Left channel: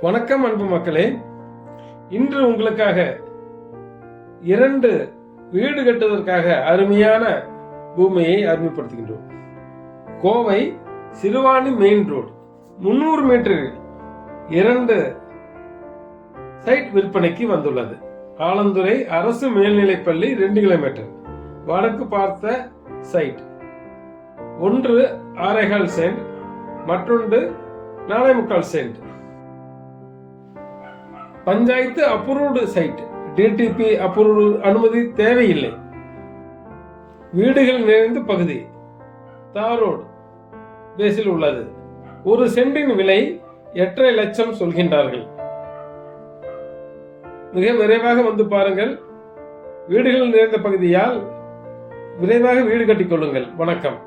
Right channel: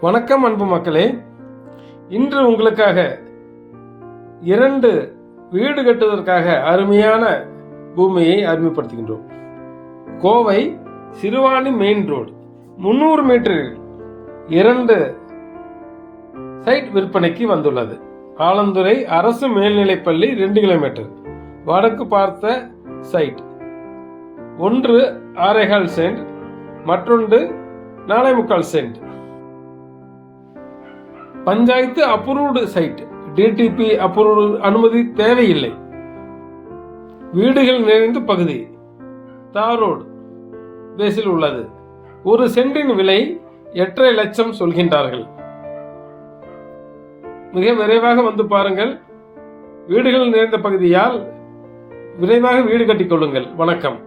வணக்கம் அன்பு மக்களே. இன்று உங்களுக்காக இரண்டு வீடு கட்டுவதற்காக அருமையான பூமியை அறிமுகப்படுத்துகின்றோம். கோவை சிறுவாணி மெயின் ரோடு முன்னூறு மீட்டரில் இரண்டு சைட் விற்பனைக்கு வந்துள்ளது. ஆலந்துறை அரசு மேல்நிலைப்பள்ளி ரெண்டு கிலோமீட்டர் வடக்கு பார்த்த சைட். ஒன்று ஆறேகால் சென்ட் மற்றொன்று நாலே முக்கால் cent. Panchayat approved site. DTP approved அனுமதி தேவையில்லை. வீடுகள் நிறைந்த பகுதி. தாரோடு பேஸில் உள்ளது. ஒரு சென்டின் விலை எட்டரை லட்சம் சொல்கின்றார்கள். மிக விரைவாக வந்து பாருங்கள். வீடுகள் நிறைந்த பகுதியால் விரைவாக வீடு கட்டிக்கொள்ளுங்கள் வணக்கம்.